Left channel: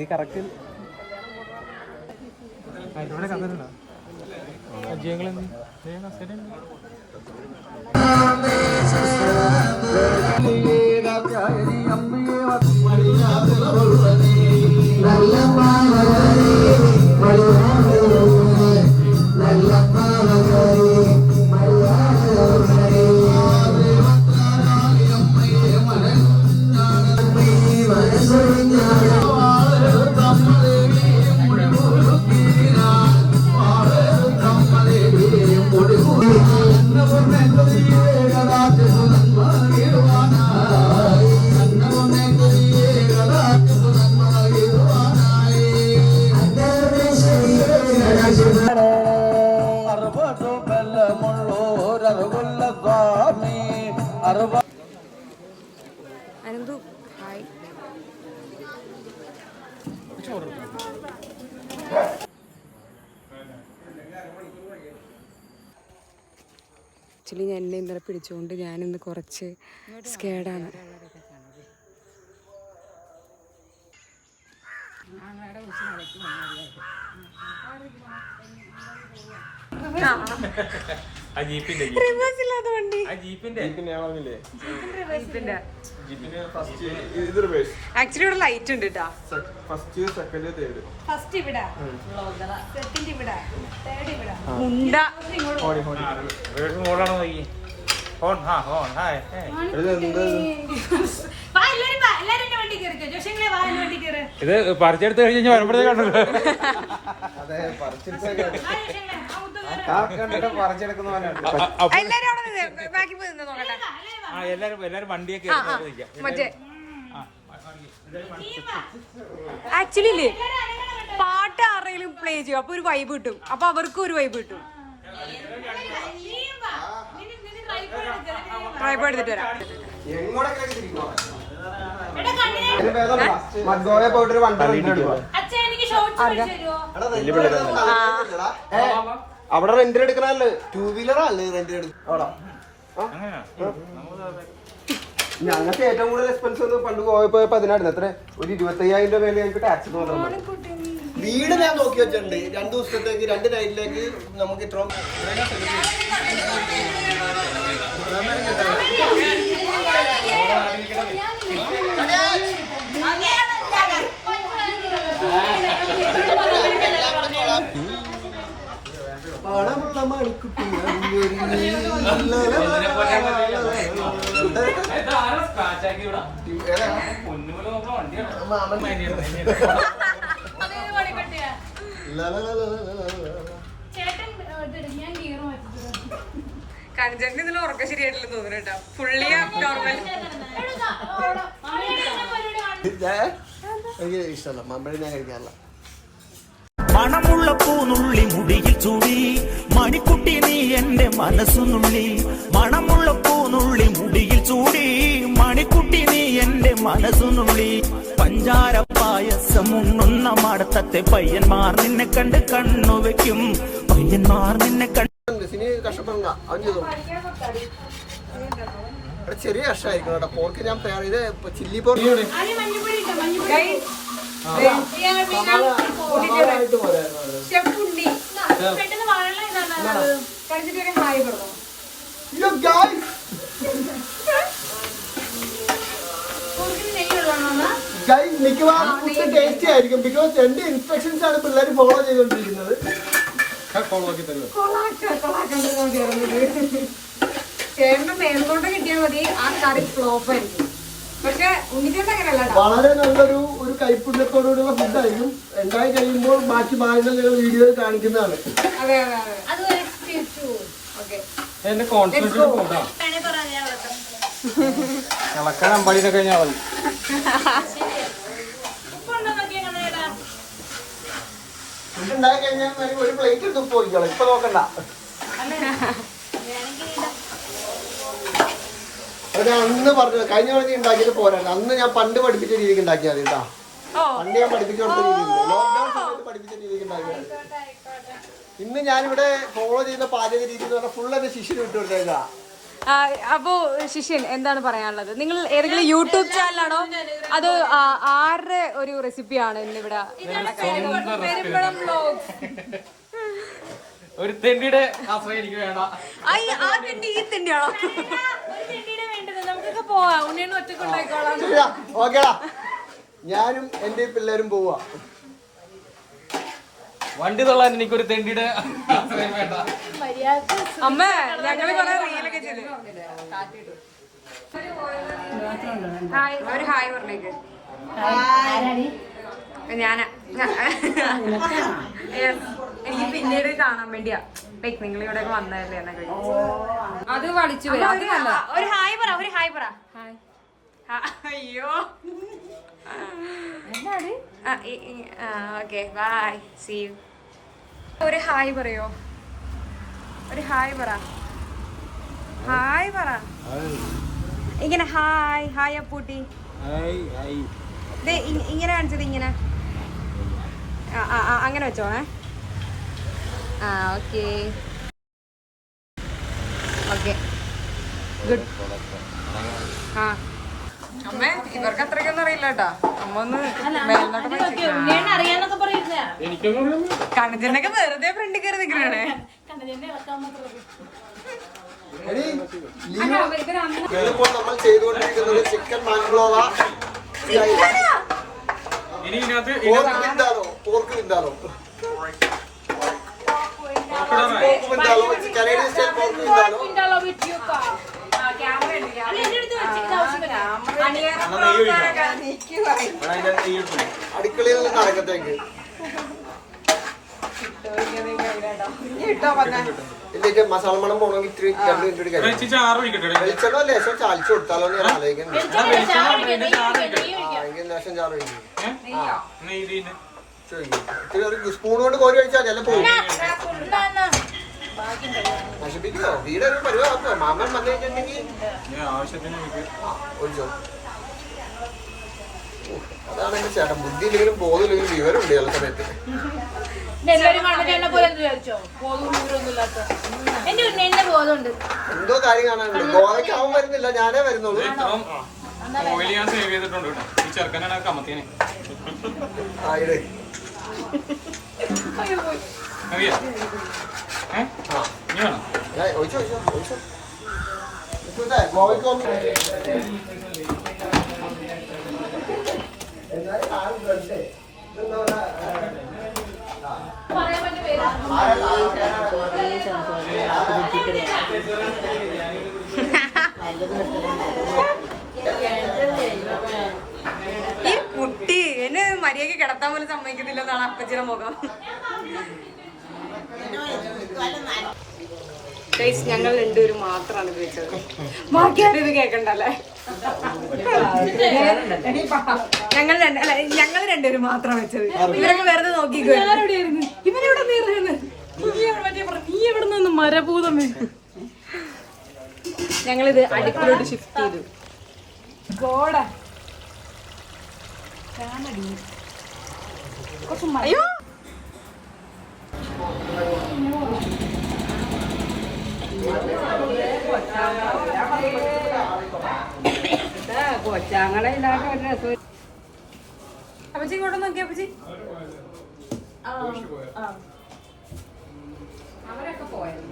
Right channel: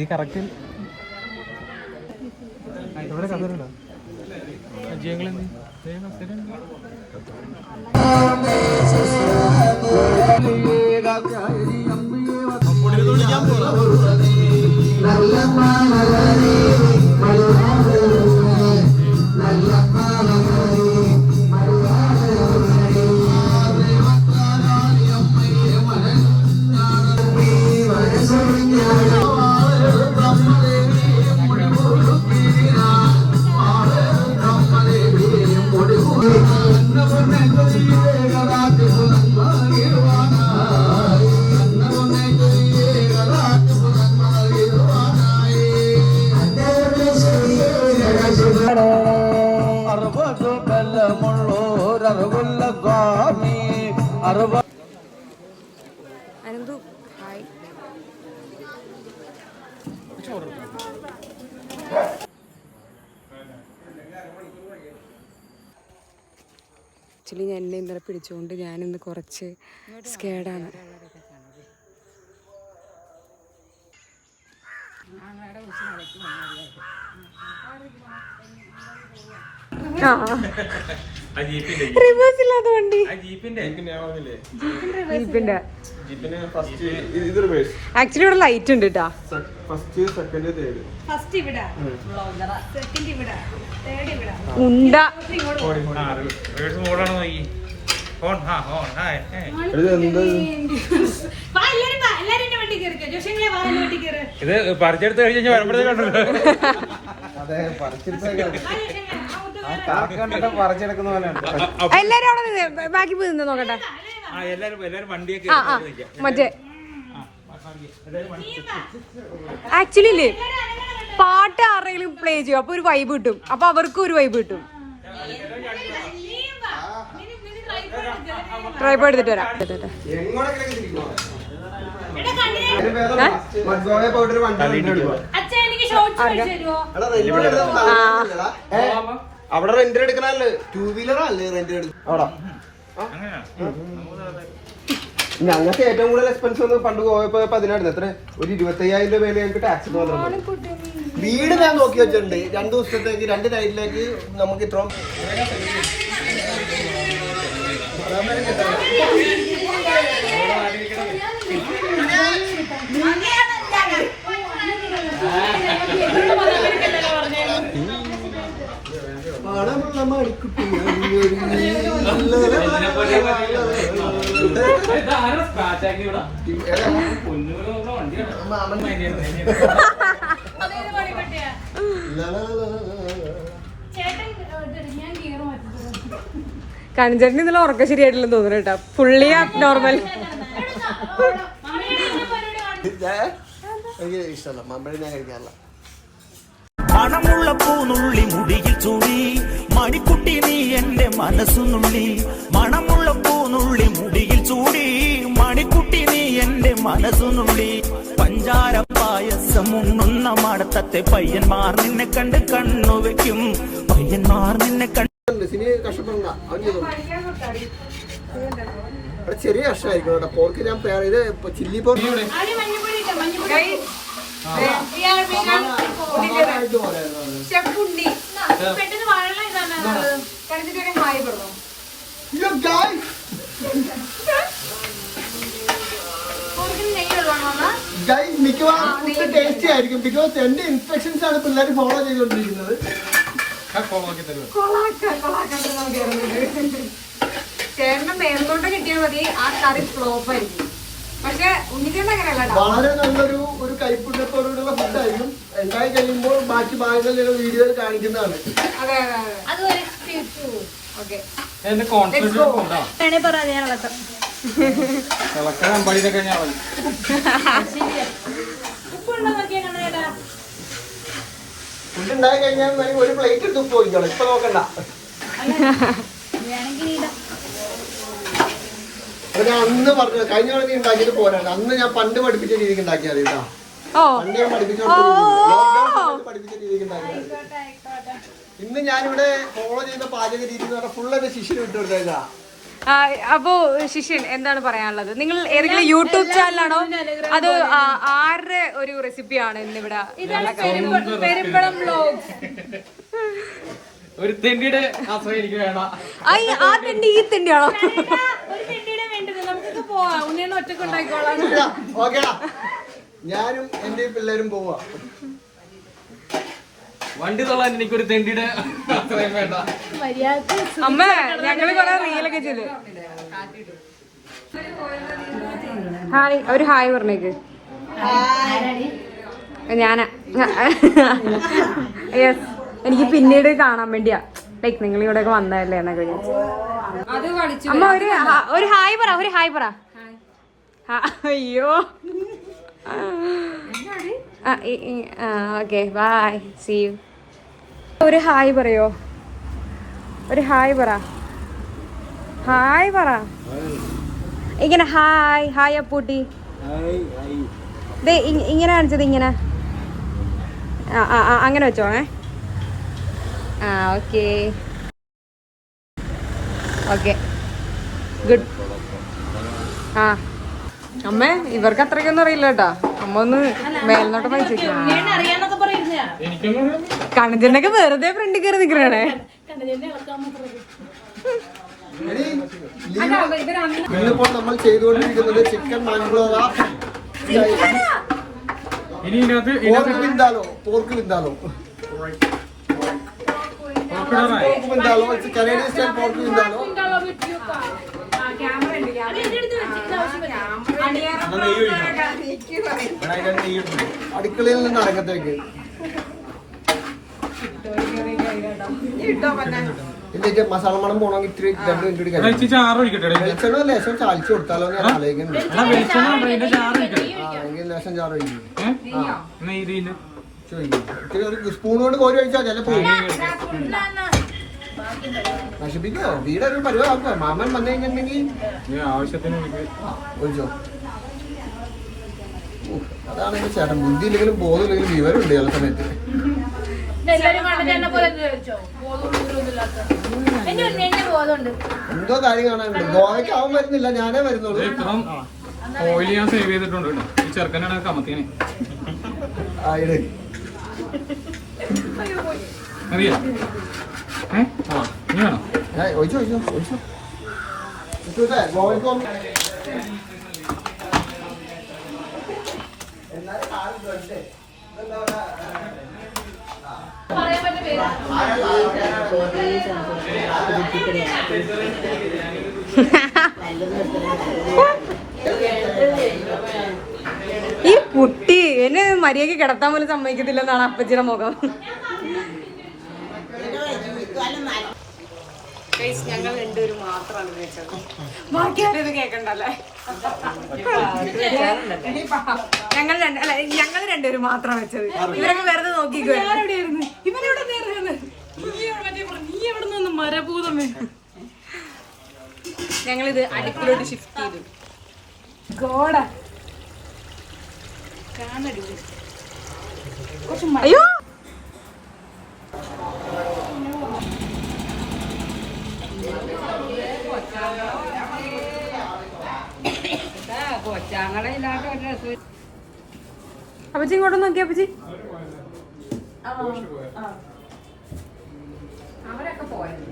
ഈ കറക്റ്റ് ഇവിടെ കഥയുണ്ടോ Ananthu hi. Actually ഞാൻ എന്നെ ഇന്നലെ പിടിച്ചുകൊണ്ട് ഞാനിന്ന് കുറച്ച് സ്കേഡാണ്. റിവേഴ്സ് ഇല്ലാത്ത വണ്ടി ആക്ച്വലി ഇവിടെ ലൈറ്റ് ഉണ്ട് കേട്ടാ. ഉണ്ട ഇത് പറിച്ചെടുത്ത് കഴിഞ്ഞാൽ എല്ലാരും അവിടെ ബാക്കി പോയി നിന്ന് നോക്കട്ടെ. മറ്റേ ആക്ച്വലി ഇല്ലേ പാട്ട് ആരെങ്കിലും പ്ലേ ചെയ്യും, അപ്പൊ ഒരു വൈബ് കിട്ടും, അപ്പൊ അവർക്കും ഒരു വൈബ് കിട്ടും. ട്രൈപ്പ് എടുത്തിട്ട് വരാം. അവിടെ റെന്റ് എടുക്കണല്ലേ, 2 വീലറല്ലേ റെന്റ് അവിടെ. ഞങ്ങൾക്ക് ഏറ്റവും കൂടുതൽ എക്സ്പെൻസ് ഒന്ന് പണ്ട് പോയപ്പോ 10,000 എത്ര ഒരു 25,000 രൂപ ഞങ്ങൾക്ക് ടാക്സ് വീട് ഞാൻ നോക്കി വെച്ചിട്ടുണ്ട്. 2 ദിവസത്തേക്ക് 2 നൈറ്റിലേക്ക് നമുക്ക് ഇത്ര കണിച്ചേട്ടന് ഇന്നലെ ഉറക്കം ശരിയായിട്ടില്ലെന്ന് തോന്നുന്നു കേട്ടാ. Fully normal. ഇഷ്ടമല്ല മമ്പഴ ഞാൻ കഴിക്കാറില്ല. മണമുള്ള പൂനുള്ളി മുടിയിൽ ചൂടി മണിക്കുട്ടി നീ എന്റെ മനസ്സുനുള്ളി. മണമുള്ള പൂനുള്ളി മുടിയിൽ ചൂടി മണിക്കുട്ടി നീ എന്റെ മനസ്സുനുള്ളി. പഞ്ചാര പായസം ഉണ്ണുന്ന മടത്തത്തെ പയ്യന്മാർ നിന്നെ കണ്ട് കണ്ണുവെക്കും. പയ്യന്മാർ നിന്നെ കണ്ട് കഷ്ടപ്പെടണ്ട. ചെറിയ കഷ്ടമായിരിക്കും കേട്ടോ. പോർക്ക് ഞാൻ ഇത് ചില്ലി പോർക്ക് മിക്കവാറും ടേസ്റ്റി ആയിരിക്കും. ബിക്കോസ് എന്റെ ഇൻസ്ട്രക്ഷൻസ് ആണ് പിള്ളേർ ഫോളോ ചെയ്തുകൊണ്ടിരിക്കുന്നത്. ചേട്ടന്റെ മേൽനോട്ടം കിട്ടിയാൽ മതി, ആ കറി ഫ്ലോപ്പ് ആയിരിക്കും. പക്ഷെ വളരെ നല്ലൊരു കൈപ്പുണ്യത്തോടുള്ള ഫുഡായിരിക്കും. ഉണ്ടായി കഴിയുമ്പോൾ ബാക്കി ഭാഗങ്ങളിൽ വീഡിയോയിൽ കാണിക്കുന്നതാണ്. ഫുഡ് ഉണ്ടായി കഴിഞ്ഞാൽ ഒരു പ്ലേറ്റ് എടുത്ത് ഉപ്പ് പോയിക്കോളാം. ഇപ്പൊ നോക്കണ്ട. ഞാൻ അന്ന് പറഞ്ഞു കഴിഞ്ഞ തവണ ഉണ്ടാക്കിയത് പോരാണ്. അന്ന് ഞാൻ പണ്ട് പഠിപ്പിച്ച രീതിക്ക് ഉണ്ടാക്കിയാണ് കേട്ടോ. പണ്ട് ഞാൻ പഠിപ്പിച്ച രീതിക്ക് ഉണ്ടാക്കിയാണ്. ഇന്ന് ഞാനിവിടെ ഫോളോ ചെയ്യുന്ന പാചക രീതി എന്ന് പറഞ്ഞാൽ ഫുൾ എന്റെ ശിഷ്യന് വിട്ടു കൊടുത്തേക്കാ. അപ്പോ ശിഷ്യൻ എന്താണ് പറയാനുള്ളത്? നിങ്ങൾ ഏതെങ്കിലും യൂട്യൂബ് ചാനലാണോ അതോ ആരുടെ ഒരു റെസിപ്പിയാണ് ഇന്നിവിടെ? ഒരു തെണ്ടിയുടെ ആശ്രയം എനിക്ക് വേണം. ആ തെണ്ടി ഈ തെണ്ടിയാണോ? ഞാനും എന്റെ പിള്ളേരും പോവാ. വണ്ടി തൊള്ളാൻ എനിക്കൊരു തെണ്ടിയുടെ ആശ്രയം വേണ്ട. അമ്മ ഞങ്ങള് കൊറേ റീലൊക്കെ ചെയ്ത്. ഹായ്, ഒരു ഹായ് പറഞ്ഞേക്ക്. ഞാനാ. യെസ്, എനിക്ക് പിന്നീട് കാണാൻ വേണ്ടിയാ. ലൈക്ക് നിങ്ങൾ ഇവിടെയൊക്കെ വന്നതല്ലേ എന്നൊക്കെ. ഒരു ഹായ് പറ, ഒരു ഹായ് പറ. അയ്യോ, ഓക്കെ, ബൈ, സീ യു. ഒരു ഹായ് പറയോ? ഒരു ഹായ് പറ, ഹായ് പറ. ഇങ്ങനെ ഹായ് ഹായ് അപ്പൂട്ടി. ഇങ്ങനെ കാണിച്ചത് ഇങ്ങനെ. അങ്ങനെ വെച്ചോ. Okay okay, good. അമ്മേ, ഇവർക്ക് അത്രയ്ക്കൊന്നും അറിയില്ല കേട്ടാ. അമ്മ ഒന്ന് മേൽനോട്ട് വായിച്ചു. കണ്ണജനൊക്കെ വെറുതെ ഫ്രണ്ടിൽ കയറി നിക്കണേ. ഇന്നിപ്പോൾ നമ്മൾ ചെയ്തുകൊണ്ടിരിക്കുന്നത് ചിക്കൻ മാൻഗ്രോവ pork vindaloo. Canadian style pork vindaloo. അടുക്കളയിൽ നിന്ന് അടക്കത്തേക്ക് ഇതിലേക്ക് മസാല മണം പോണെങ്കിൽ ഇത്തിരി 2 മിനിറ്റ് വെളിച്ചെണ്ണ ലേശം ചാലിച്ചു കൊടുത്താലോ ഞാൻ ആലോചിക്കുന്നു. ലേശം ചാറ് ഇത്തിരി ഒരു സ്പൂൺ കൊണ്ട് കോരി കഴിച്ചാൽ ചിലപ്പോ നശിപ്പിക്കോ. വീട് ഒരു പരിപാടി മാമൻ വന്നു കഴിഞ്ഞിട്ടുണ്ടെങ്കിൽ ഒഴിച്ചോ. അതാണ് എന്റെ ചേട്ടൻ. ബുദ്ധിയില്ലെങ്കിലും ബോധമില്ലെങ്കിലും വിവരമുണ്ട് ചില സമയത്ത്. എന്തോ കാര്യം കാണാനുണ്ട്. ഗോവയ്ക്ക് അവൻ വരുന്നില്ല, ഞാനേ വരുന്നുള്ളൂ. ഓയിൽ ഞാൻ സേവ് ചെയ്തിട്ടുണ്ട്. ഈ ചെറുക്കനാണ് കമത്തിന്. ഈ കുട്ടി എന്നെ മര്യാദക്ക് കിടത്താൻ പോലും സമ്മതിക്കത്തില്ലെന്നാണ് അപ്പച്ചിയുടെ മുഖം. ഞങ്ങൾ രണ്ടുപേരും മാത്രമാണ് ഉപയോഗിച്ചത്. ബാക്കിയാരും ഇത് കേക്കണ്ടല്ലേ. ഞങ്ങൾ രണ്ടുപേരും മാത്രം വെച്ചത്. ഇവരൊക്കെ വെറുതെ നോക്കിക്കോ. ഇവരെവിടെ നീ എവിടെ നിന്ന് മരഭൂതമേ. ഞങ്ങളിത് അടുപ്പിലോട്ട് ഷിഫ്റ്റ് ചെയ്തു. അയ്യോ, അപ്പച്ചി ഇങ്ങോട്ട് നോക്കി. അപ്പച്ചി അവരൊക്കെ പോയത്.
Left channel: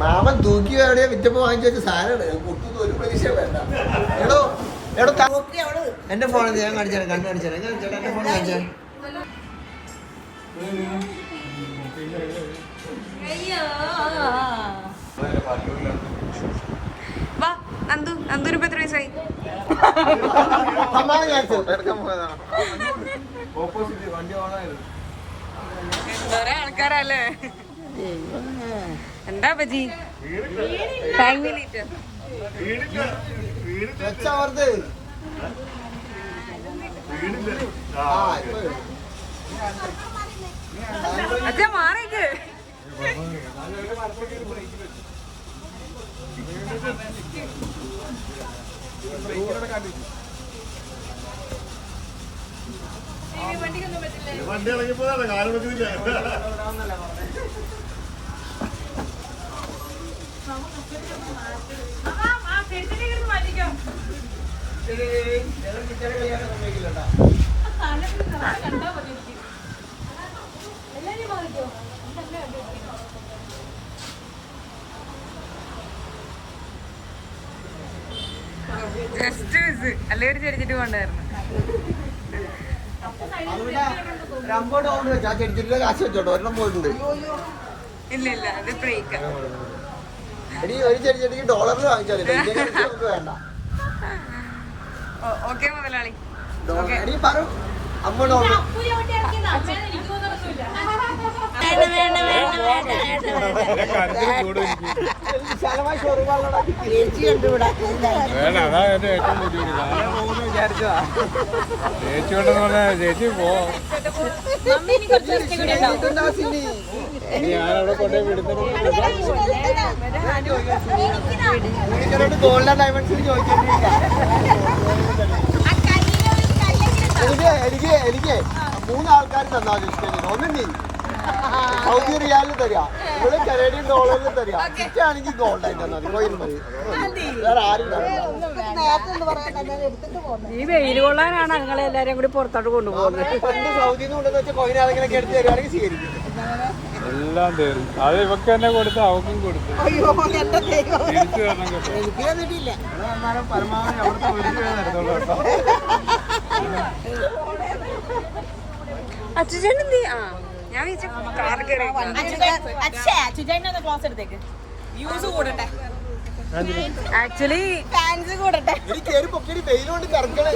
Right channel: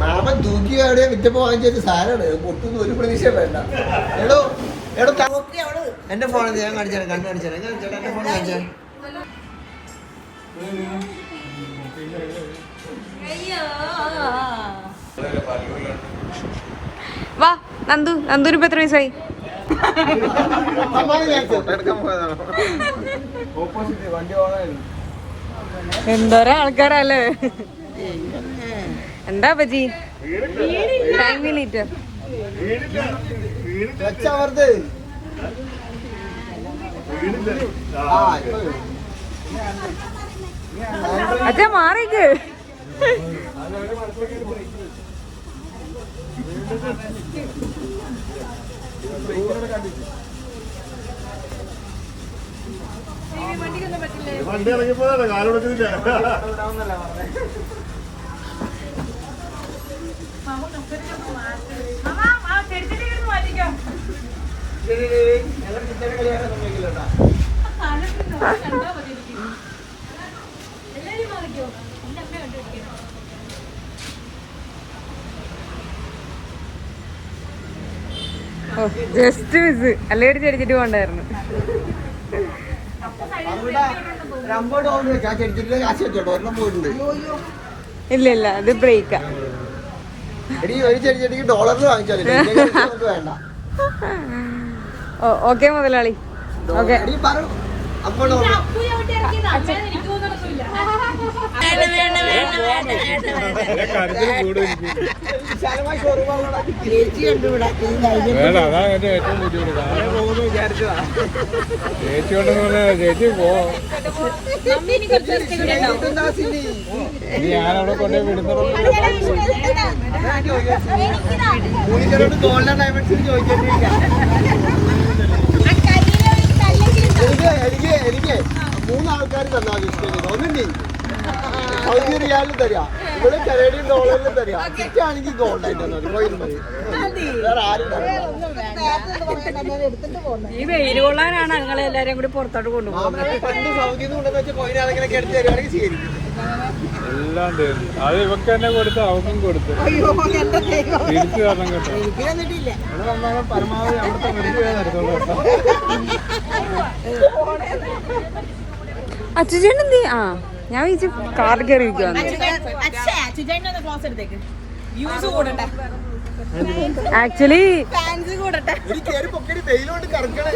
മാമൻ തൂക്കി എവിടെയാ വിറ്റപ്പോ വാങ്ങിച്ചു സാധനമാണ്. പൊട്ടുന്ന ഒരു പ്രതീക്ഷ വേണ്ട. എടോ എന്റെ ഫോണിൽ ഞാൻ കാണിച്ചേരാം. കണ്ണു കാണിച്ചേരാം. എന്റെ ഫോൺ കാണിച്ചേ. വാ നന്ദു. നന്ദുന് ഇപ്പൊ എത്ര വയസ്സായി? എന്തോരം ആൾക്കാരല്ലേ. എന്താ പറ്റി? Thank you litre. അച്ഛൻ മാറിക്ക്. വണ്ടി ഇറങ്ങിപ്പോയതാണ് കാലൊടുക്കുന്നില്ല. ജസ്റ്റ് മിസ് അല്ലേ ചെടിച്ചിട്ട് പോണ്ടായിരുന്നു. ഇല്ല ഇല്ല അത് ബ്രേക്കാ. ഓക്കെ മുതലാളി. ഓക്കെ അതാണ് എന്റെ ഏറ്റവും ബുദ്ധിമുട്ട്. ചേച്ചി ഉണ്ടെന്ന് പറഞ്ഞാൽ ചേച്ചി പോ. ഞാനവിടെ കൊണ്ടുപോയി വിടുന്നത്. ഗോൾഡൻ ഡയമണ്ട്സിന് ചോദിക്കേണ്ടിയില്ല. എനിക്ക് 3 ആൾക്കാർ തന്നാ ഒന്നും നീ സൗദി റിയാലിൽ തരാം, ഇവിടെ കനേഡിയൻ ഡോളറിൽ തരാം. ആണെങ്കിൽ ഗോൾഡ് ആയിട്ട് വേറെ ആരും ഈ വെയിൽ കൊള്ളാനാണ് ഞങ്ങളെ എല്ലാരെയും കൂടി പുറത്തോട്ട് കൊണ്ടുപോകുന്നത്. പണ്ട് സൗദിയിൽ നിന്ന് കൊണ്ടെന്ന് വെച്ചാൽ കോയിൻ ആരെങ്കിലും എടുത്ത് തരുവാണെങ്കിൽ ശരി. എല്ലാം തരും. അത് ഇവർക്ക് തന്നെ കൊടുത്ത് അവർക്കും കൊടുത്ത് തിരിച്ചു തരണം കേട്ടോ. ഇവിടെ വന്നാലും പരമാവധി അവിടുത്തെ മരുന്ന് തരത്തുള്ളൂ കേട്ടോ. അച്ഛൻ ആ ഞാൻ വിളിച്ചു കാറിൽ കയറി ഇരിക്കുവാണ്. ആക്ച്വലി വെയിലോണ്ട് കറക്കണേ.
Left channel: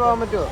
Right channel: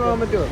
പോകാൻ പറ്റുമോ?